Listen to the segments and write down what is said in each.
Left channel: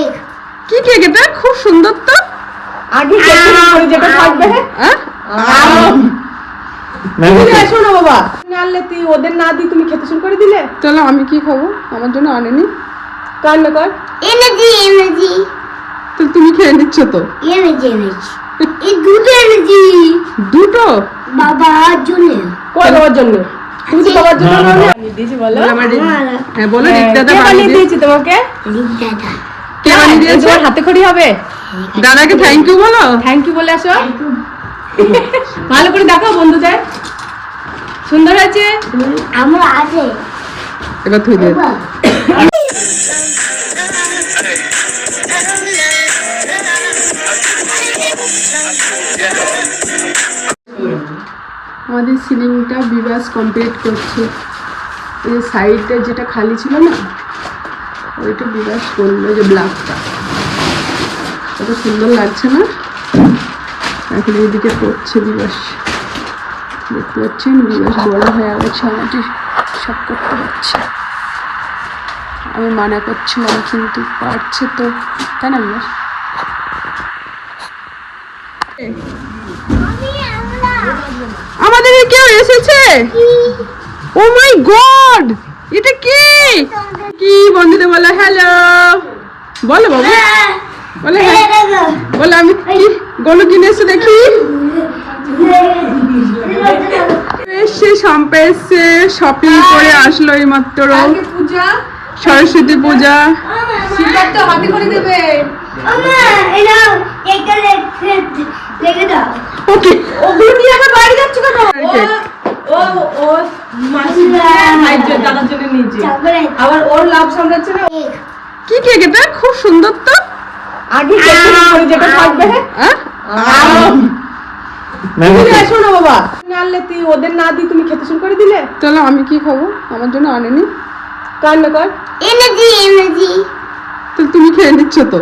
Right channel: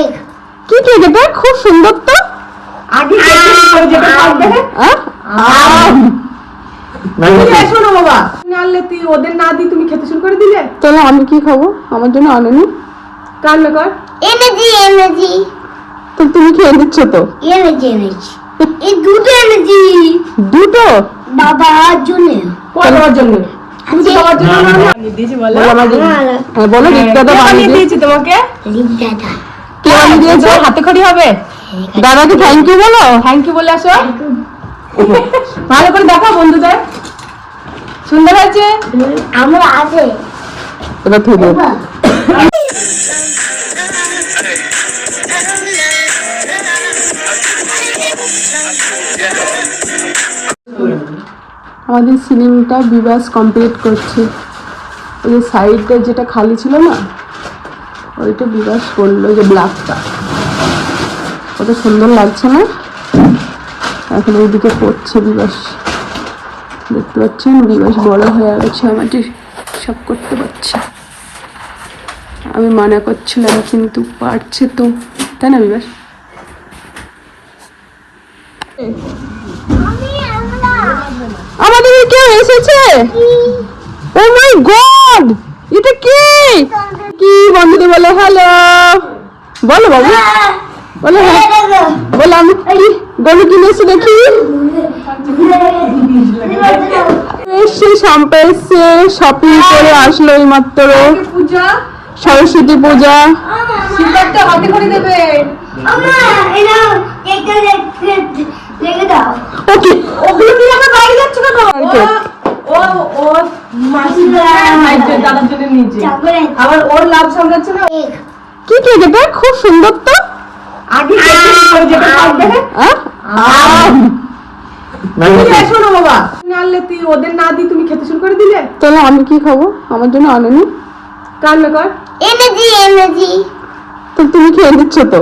Cake কি cake এটা খুব সুন্দর তো। আগে এসো বাবা তুমি আনলে তুই ওদের না দিয়ে তুমি খেতে শুরু করে দিলে। তাহলে আমি কি খাব? আমার জন্য আনেনি। কর এনেছি এনেছি তো তুমি খেয়ে নিচ্ছ তো। এই দুটো এনেছি দুটো? বাবার জন্য। দেওয়ার জন্য আমি বলো। বলো আমার হ্যাঁ বানিয়ে দিয়েছি। তোমাকে। রিক দাদা কে বানিয়ে দিয়েছে হাতে খড়ি হবে। দাদাকে থ্যাংক ইউ বলো। থ্যাংক ইউ বলে আসো। ভালো করে দেখাও বন্ধুদের। সুন্দর আছে আমরা আছে। এবার। থুই আমাদের সিলিংটা বিবাস কমপ্লিট করছে। ওই যে সাইডে যেটা খালি ছিল না? ওইটা বিবাস করল ওই যে ব্ল্যাকটা। কত সুন্দর লাগছে না? এখন এইদিকে করছে বিবাস দেখতে পাচ্ছেন? বিবাস বড় হয়ে গেছে আমাদের সব করতে পারছে আমি মানা করছিলাম কিন্তু পারছে তো। তাই না বিবাস আমাদের কেউ এসেছে? ও মাই গড এটা কি? কি বন্ধুদের বলে? হ্যালো বলো বাবু। বলে হ্যাঁ বলে আমি কি কিনে এসে দেখি? এসছে শাম্পা এসছে শপিং করে আসলো এই মাত্র সরস্বতী পূজা। সিদ্ধার্থ হাতে খড়ি দেবে। ওকে। ওগুলো নিয়ে আমরা বাইরে যাচ্ছ কেন? কেক। ও দাদার জন্য নিয়েছে চকলেট আবার ওর লাভ সামলাচ্ছে না। কেক কি কেক এটা খুব সুন্দর তো। আগে বাবা। আনলে তুই ওদের না দিয়ে তুমি খেতে শুরু করে দিলে। তাহলে আমি কি খাব? আমার জন্য আনেনি। কর তো তুমি খেয়ে নিচ্ছ তো।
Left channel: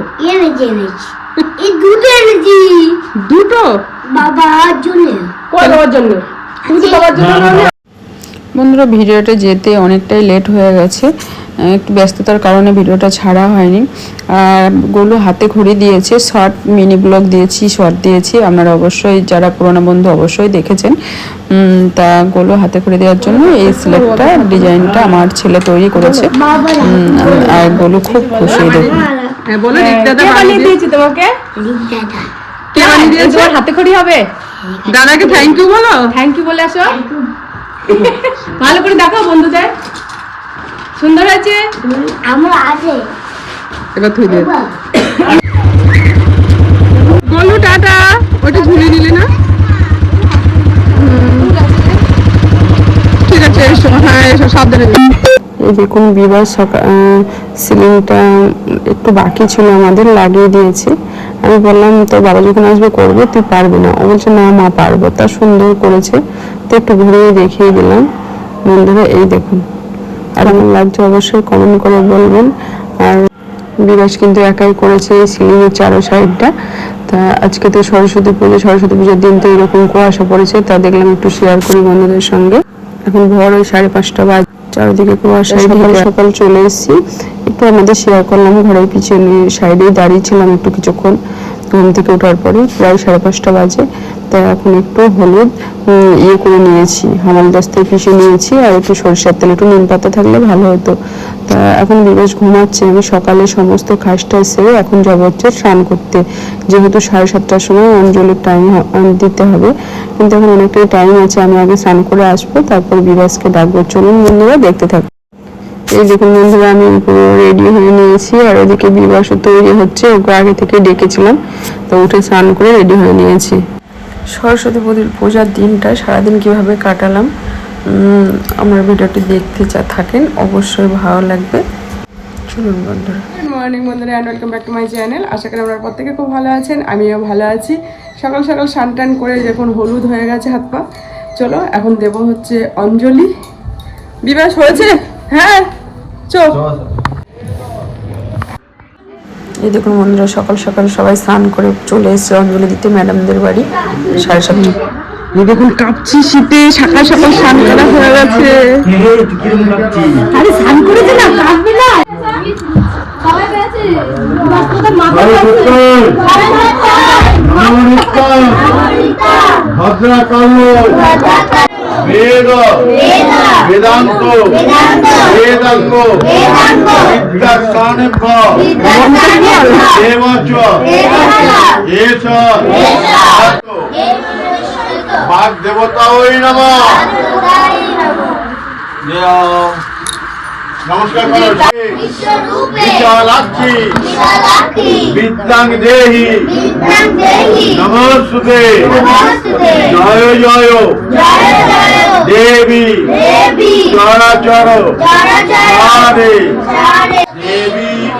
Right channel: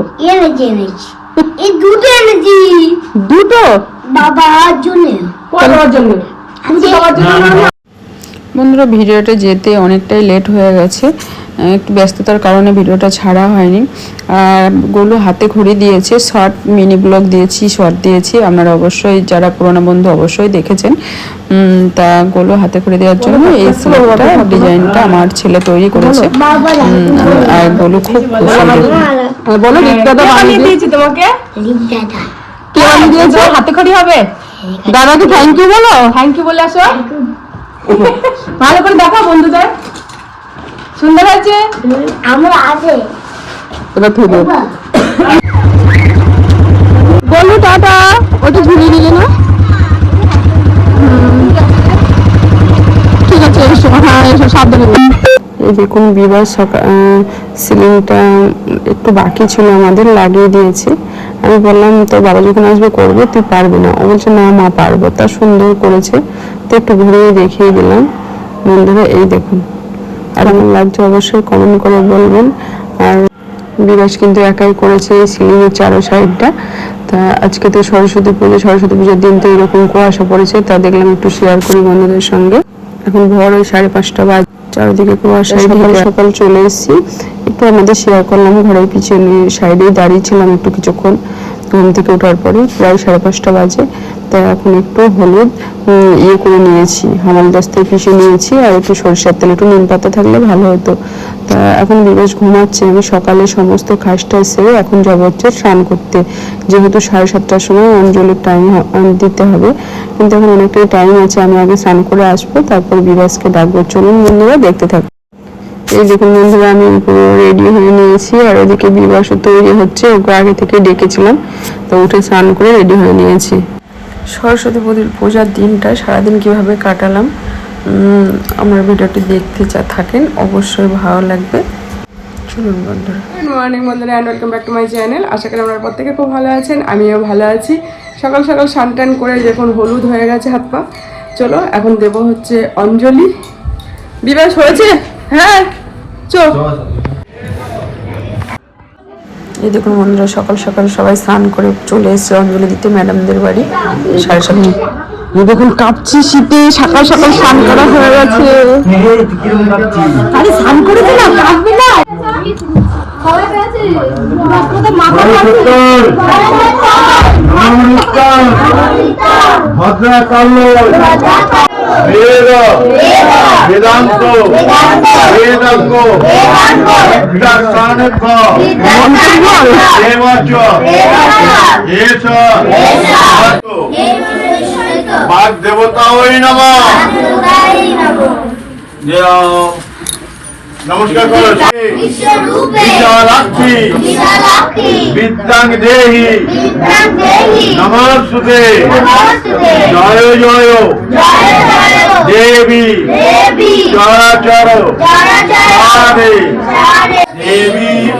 এই দুটো এনেছি দুটো? বাবার জন্য পরে দেওয়ার জন্য। বন্ধুরা ভিডিওটা যেতে অনেকটাই লেট হয়ে গেছে। একটু ব্যস্ততার কারণে ভিডিওটা ছাড়া হয়নি। আর গোলু হাতে ঘড়ি দিয়েছে শর্ট মিনি ব্লগ দিয়েছি শর্ট দিয়েছি। আপনারা অবশ্যই যারা পুরোনো বন্ধু অবশ্যই দেখেছেন। তা গোলু হাতে ঘড়ি দেওয়ার জন্য এই সিলেক্টটা ডিজাইনটা আমার ছেলে তৈরি করেছে। আর গোলু খুব খুশি দেখুন। হ্যাঁ বলো রিক্তাদা বানিয়ে বানিয়ে দিয়েছি তোমাকে? রিক কে বানিয়ে দিয়েছে? হাতে খড়ি হবে? দাদাকে থ্যাংক ইউ বলো? থ্যাংক ইউ বলে আসো। ভালো করে দেখাও বন্ধুদের। সুন্দর আছে আমরা আছে। এবার থুই দিয়ে বলু টাটা ওটা ঝুলে নিলে না? ঠিক আছে এসো। হ্যাঁ এসো সাবধানে। এই দেখুন বিবাহ সকাল সিলিংটা একটু বাকি ছিল আমাদের, লাগিয়ে দিয়েছে। আমি বললাম তো বাবা যখন আসবে, করবে, তুই পারবি না। ও বলছে, না, মা পারব। তা সুন্দর করেছে। তো একটু ঘুরিয়ে দেখিয়ে দিলাম। বন্ধুরা, এই দেখুন। আর আমার লাগছে অবশ্যই কমেন্ট করে বলবেন। আর বিরাজ কিন্তু একাই করেছে এই সিলিংয়ের চারো সাইডটা তা আজকে তো সরস্বতী পুজো, সরস্বতী পুজোর দিন তো এরকম কুয়াশা পড়েছে। তা দেখলাম একটু শেয়ার করি বন্ধুদের সঙ্গে। এখন ভোর ওই সাড়ে পাঁচটা বাজ। চারিদিকে কুয়াশা সকাল সকাল চলে এসেছি। একটু আমাদের শেয়ার করলাম ঘরের পিছনে সাইডেই দাঁড়িয়েছিলাম একটু কিছুক্ষণ। ঘুম থেকে ওঠার পরে প্রায় সাড়ে পাঁচটা বাজে। তা এখন একটু হলুদ ইয়ে করে নিয়েছি, হামাল দস্তায় পিষে নিয়েছি আর একটু সরিষার তেল, একটু নিম পাতা থাকলে ভালো হতো। তা এখন বিবেশ ঘুমাচ্ছে, আমি সকালে সমস্ত খাসটা সেরে এখন যাব হচ্ছে স্নান করতে। যেহেতু সাড়ে সাতটার সময় অঞ্জলির টাইম দিতে হবে, কিন্তু এখন অনেকটাই টাইম আছে, আমি আগে স্নান করে আসব, তারপর বিরাজকে ডাকবো। চলুন বন্ধুরা, দেখতে থাকব এই দেখুন বন্ধুরা আমি পুরো রেডি হয়ে নিয়েছি, আর ওদিকে বিবাসও তৈরি হচ্ছে, ওকে আগে থেকে ডেকেছিলাম, তো উঠে স্নান করে রেডি হয়ে নিয়েছি। সরস্বতী পুজোর পূজার দিনটা সারাদিন কীভাবে কাটালাম আমার ভিডিওটি দেখতে চা থাকেন, অবশ্যই ভালো লাগবে। চলুন বন্ধুরা। মর্নিং বন্ধুরা and welcome back to my channel আশা করি আপনারা প্রত্যেকে খুব ভালো আছেন, আমিও ভালো আছি। সকাল সকাল স্নান টান করে দেখুন হলুদ হয়ে গেছে হাত পা, চলো, এখন দেব হচ্ছে অঞ্জলি। বিবাস হয়েছে? হ্যাঁ এই দেখুন বন্ধুরা সকাল সকাল সবাই স্নান করে চলে এসেছে অঞ্জলি দিতে ম্যাডামদের বাড়ি সাড়ে সাতটা। এই দেখুন কাঁপছি শীতে সকাল সকাল স্নান করা হয়ে গেছে। আরে স্নান করে দিলাম কাঁদবে না। ভদ্রকাল। বেদ বেদান্ত বেদাঙ্গ বিদ্যাস্থানেভ্য দেবচ এষ বাগ দেবতা ওই নম নমস্কার করছি বিশালাক্ষী বিদ্যাং দেহি নমস্তুতে জয় জয় দেবী চরাচর সারে দেবী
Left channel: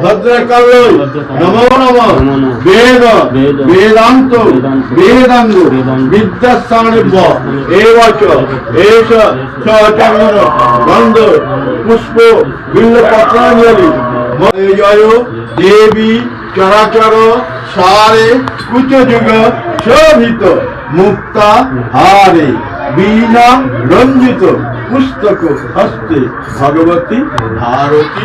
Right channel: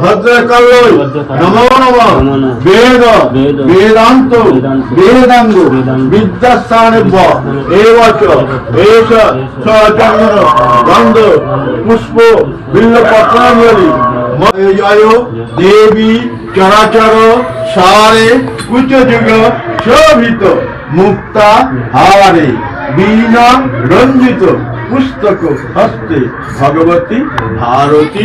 ভদ্রকাল্যই নমো নম। বেদ, বেদান্ত, বেদাঙ্গ বিদ্যাস্থানেভ্য এবচ এষ চন্দন, গন্ধ, পুষ্প বিল্লপত্রাঞ্জলি জয় দেবী, চরাচর, সারে, কুচযুগ, শোভিত, মুক্তা, হারে, বীণা, রঞ্জিত, পুস্তক, হস্তে, ভগবতী, ভারতী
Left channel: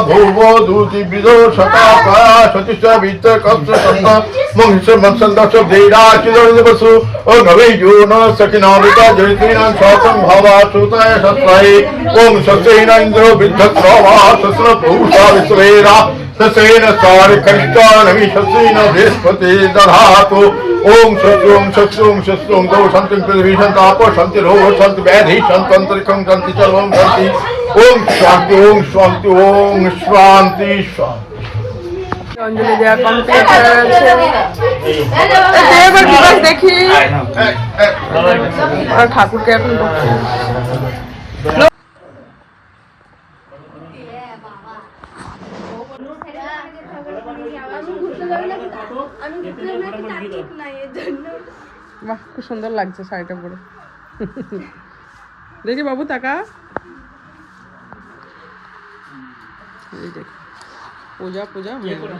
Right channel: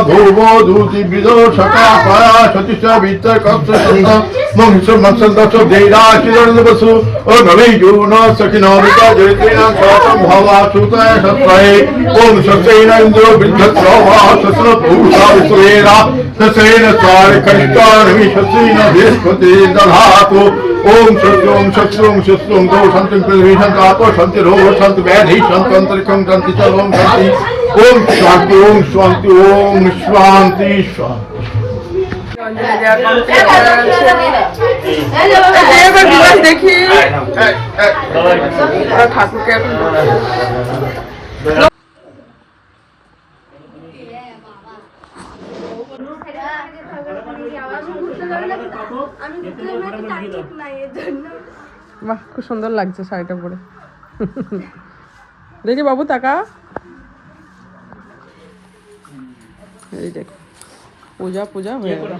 भोगो धूति विदो शकया परा सतीश वित्त कक्ष सन्ना मंगस मंसन दश देरा चिदोन बसु ओ नवे योन सखिनामता जयतेन सातम भावा सुतय सत्रय ओम सत्येन इंद्रो विद्धत भावा सत्र भूषा विश्वेरा। ससेन स्वारि कष्टानवि शत्रुन बृहस्पति दधातु ओम शत्रु ओम शत्रु ओम शत्रु ओम दो सन्ति पृथ्वी सन्तापो सन्ति रोग सन्ति व्याधि सन्ति अन्तरिक्षं सन्ति सर्वं सन्ति ओम शान्ति ओम शान्ति ओम शान्ति शान्ति অঞ্জলি দেওয়া complete হয়ে গেছে। এই এবার বিবাহ দেখি আর ঠাকুরকে এখন বাহ খুব সুন্দর লাগছে শাড়িটা পরে। দেখি বাবু তাকা। এই দেখ। পূজা পূজা হয়ে গেল।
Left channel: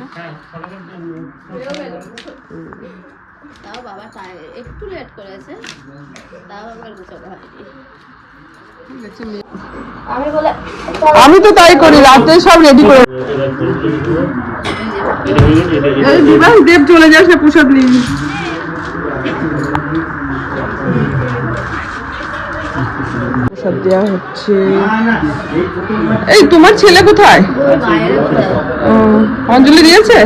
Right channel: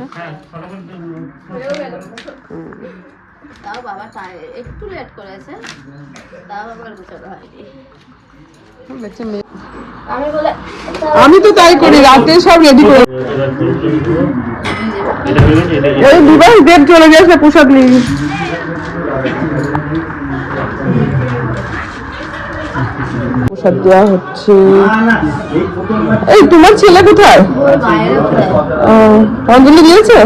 তাও বাবা একটু লেট করেছে তাও আবার গুছানো হয়নি। আমি তো তাই করি রাতে সব রেডি করে এই বিবাহ দেব চলে যাস না প্রসাদ নিয়ে প্রসাদ দেওয়া হচ্ছে। এই তোমার ছেলে কোথায়? অঞ্জলি দিয়েছে?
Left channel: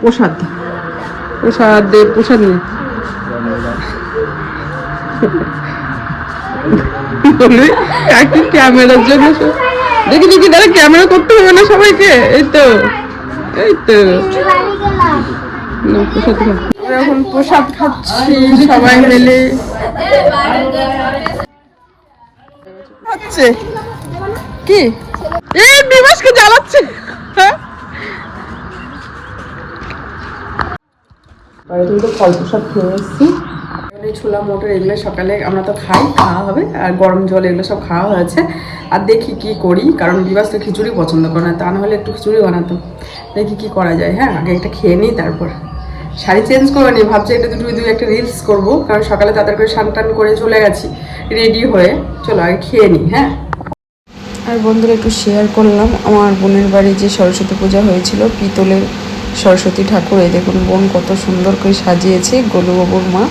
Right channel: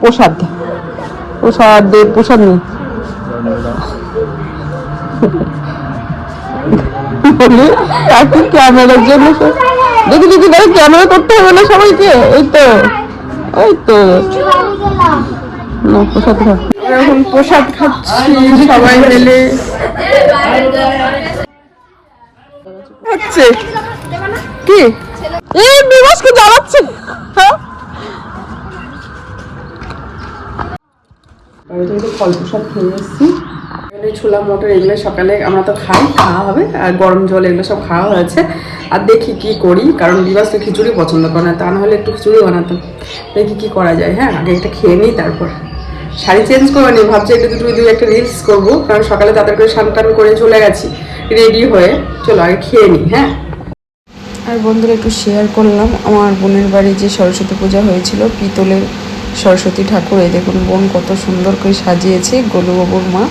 প্রসাদ। প্রসাদ দেব প্রসাদ ক্যামেরার জন্য দেখি ক্যামেরা করতে হবে না সবাইকে। এই তো এই তো। না প্রসাদ এখন প্রসাদ খাচ্ছি সবাই মিলে। হচ্ছে? কি? এই বিবাসকে জ্বালাচ্ছে। হ্যাঁ? ফল প্রসাদ খেয়ে এসেছি। ছোলা মটর এগুলো সকালে আমরা তো খাই খাওয়া হবে। আর গরম জল এগুলো সব খাওয়া হয়েছে। আর দেখি কি করি কারণ বিবাস তো খিচুড়ি পছন্দ করে না তা না হলে একটু খিচুড়ি বানাতাম দেখি কি করা যায় হ্যাঁ? আগে একটা খেয়ে নিই তারপর। শাড়ি চেঞ্জ করে নি ভাবছি একটু দুটো দুই একটা রিলস করব, কারণ সকালে তাদের করে স্নান টান করে চলে গেছি রেডি হয়ে চলো আগে খেয়ে নিই হ্যাঁ? আর বন্ধুরা, একটু শেয়ার করলাম, আমার বোনের বাড়ি যে সরস্বতী পূজা হয়েছিল, পিতলের সরস্বতী ঠাকুর, এই দেখুন বোন কত সুন্দর করে সাজিয়েছে, গোলুবাবুর মা।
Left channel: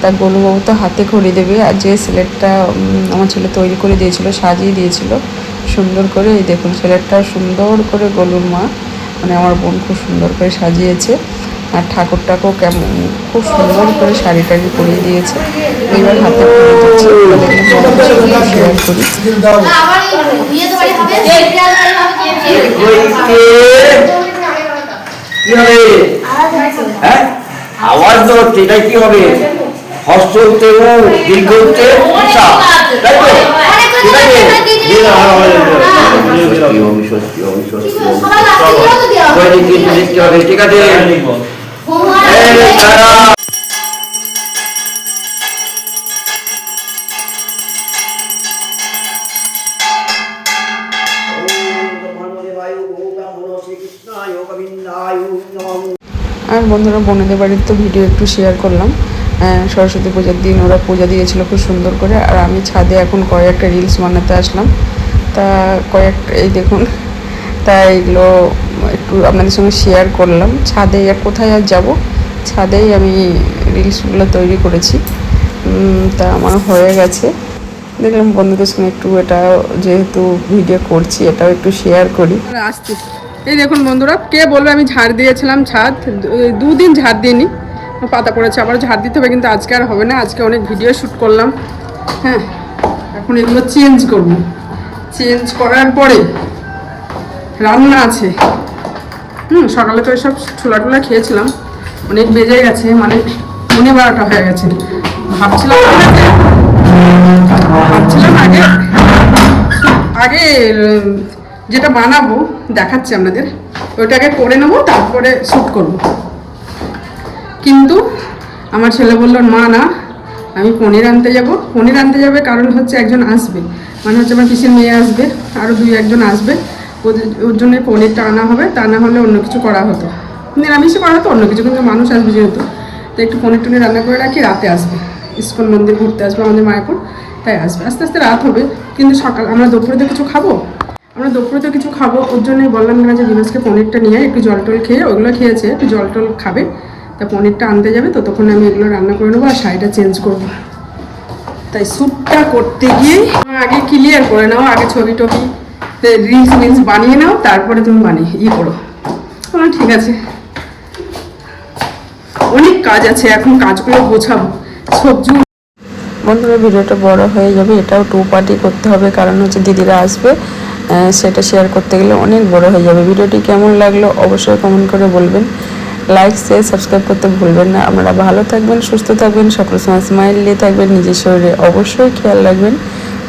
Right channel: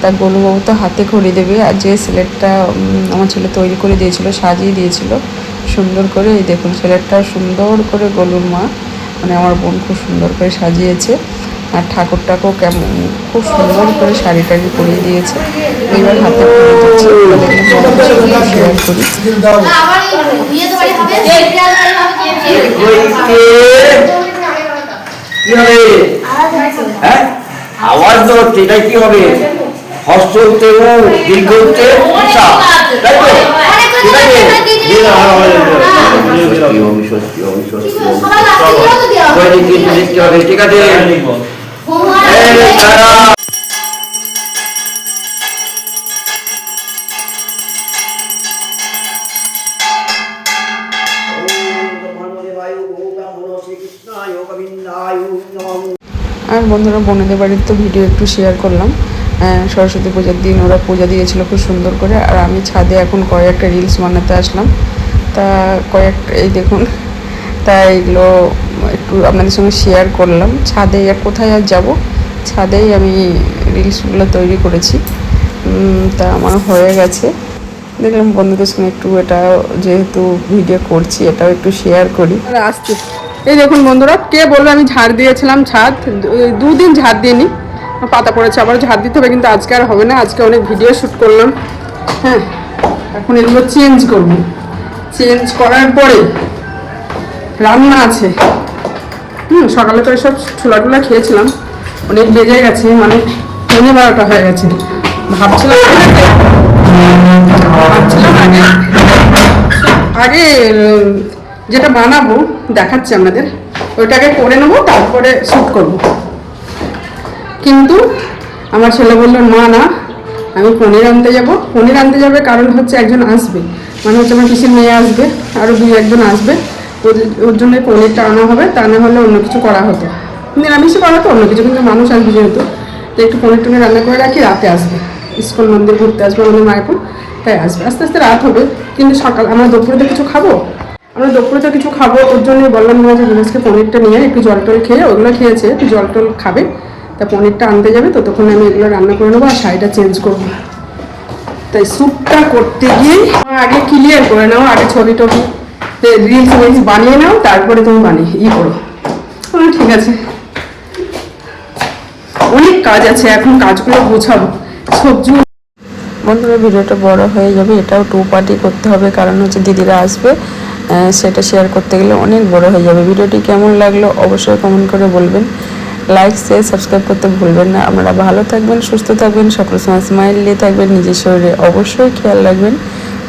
তা গোলুবাবু তো হাতে খড়ি দেবে, আর যে স্লেটটা আমার ছেলে তৈরি করে দিয়েছিল, সাজিয়ে দিয়েছিল, সুন্দর করে, এই দেখুন স্লেটটা সুন্দর করে গোলুর মা মানে আমার বোন খুব সুন্দর করে সাজিয়েছে। আর ঠাকুরটাকেও কেমন খুব সুন্দর করে শাড়ি টাড়ি পরিয়ে দিয়েছে। এবার হাতে দিচ্ছে। শেয়ার করি কি হবে? হ্যাঁ আওয়াজ তো? এটা কি হবে। হস্ত ও দীর্ঘ উঠতে উষা। তাই তো ঠিক আছে। আর বন্ধুরা, বোনেদের বাড়ির তো ভিডিও একটু শেয়ার করলাম। সরস্বতী পূজার দিন ওরা পূজা দিয়েছিল খুব সুন্দর করে, আর আমি ছাদে এখন কয়েকটা রিলস বানাতে আসলাম। তা কয়েক এই দেখুন, তা একটু আপনাদের সঙ্গে শেয়ার করলাম। ছাদে আর কোথায় আর যাব? ছাদেই আমি রিলসগুলো তৈরি করেছি। তা আমার হয়ে গেছে। দেখলাম বন্ধুদের সঙ্গে একটু এটা যেহেতু ভিডিও করছি, এটাও একটু শেয়ার করি। আসছি। এই দেখুন বন্ধুরা, কে বলল আমি ঝাড় দিয়েছিলাম ছাদ। দুদিন ঝাড় দিইনি। পাতা পড়েছে, আবার ঝাড় দিতে হবে, কিন্তু আজকে আর হবে না। আজকে অনেক ভিডিও শ্যুট করলাম। হ্যাঁ এখন এগুলো চেঞ্জ করব। চেঞ্জ করার পরে রান্না আছে। হুম, সকালে তো সব ছোলা টুলা খেয়েছিলাম। অনেক বেজে গেছে মানে পনেরো বারোটা হয়ে গেছে। ভাবছিলাম ভাবছিলাম আগে আগে, যেটা বানাবো, দেখাচ্ছি আপনাদের। ওইটাকে করে নেব, তারপরে শ্যুট করব। কিন্তু আমার ছেলে বলল মা না, আমি পনির আনতে যাব। পনির আনতে যাবে কারণ হচ্ছে একজন আসবে। মানে হচ্ছে আমার পিসির মেয়ে আসবে আরও দুই একজন আসবে। ওর জন্য পনিরটা আনা হবে, তা না হলে অন্য কিছু করা হতো। নিরামিষে করা হতো, অন্য কিছু, কিন্তু মানুষ আসবে যেহেতু। তো একটু পনির টনির রান্না করে রাখি, রাতে আসবে। ইস্কন মন্দির ঘুরতে আসবে আমাদের মায়াপুর তাই আসবে। আস্তে আস্তে রাত হবে, কিন্তু সকাল, আমরা দুপুরে তো কিছু খাব? আমরা দুপুরে তো কিছু খাব, ওর জন্যই বললাম না যে বিনাসকে পনিরটা নিয়ে একটু জল টল খেয়ে, ওগুলো খেয়েছে, একটু জল টল খাবে। তা পনিরটা আনতে যাবে, ততক্ষণ আমি এগুলো রান্না করে নেব আর শাড়িটা চেঞ্জ করব। তাই স্যুপটা করতে গিয়ে, আগে ক্লিয়ার করে নাও, আগে ছবি টবি রিলস মিলস বানিয়ে নাও, তারপরে তুমি বানিয়ে, ই করো। ঠিক আছে। অনেক কাজ আছে, এখন কাজগুলো গোছাবো সবজি বন্ধুরা, ভিডিওটা বড় হয়ে যাবে, এটাও টু পার্টি করতে হবে। কারণ হচ্ছে দিদিরা আসবে সেটা শেয়ার করতে গেলে অনেক বড় হয়ে যাবে। ভিডিওটি কেমন লাগল অবশ্যই কমেন্ট করে বলবেন। লাইক শেয়ার সাবস্ক্রাইব করতে ভুলবেন না। আপনারা ভালো থাকবেন, সুস্থ থাকবেন, সকল সময় স্মাইল নিয়ে থাকবেন, নিজের শরীরে অবশ্যই খেয়াল রাখবেন।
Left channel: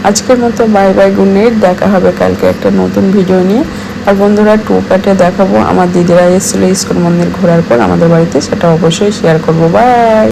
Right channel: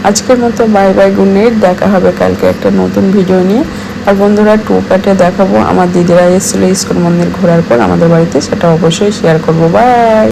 আজকের মতো বাই বাই গুড নাইট দেখা হবে কালকে একটা নতুন ভিডিও নিয়ে। আর বন্ধুরা টু প্যাটে দেখাবো। আমার দিদিরা এসেছিল ইস্কন মন্দির ঘোরার পর, আমাদের বাড়িতে, সেটা অবশ্যই শেয়ার করব। বাই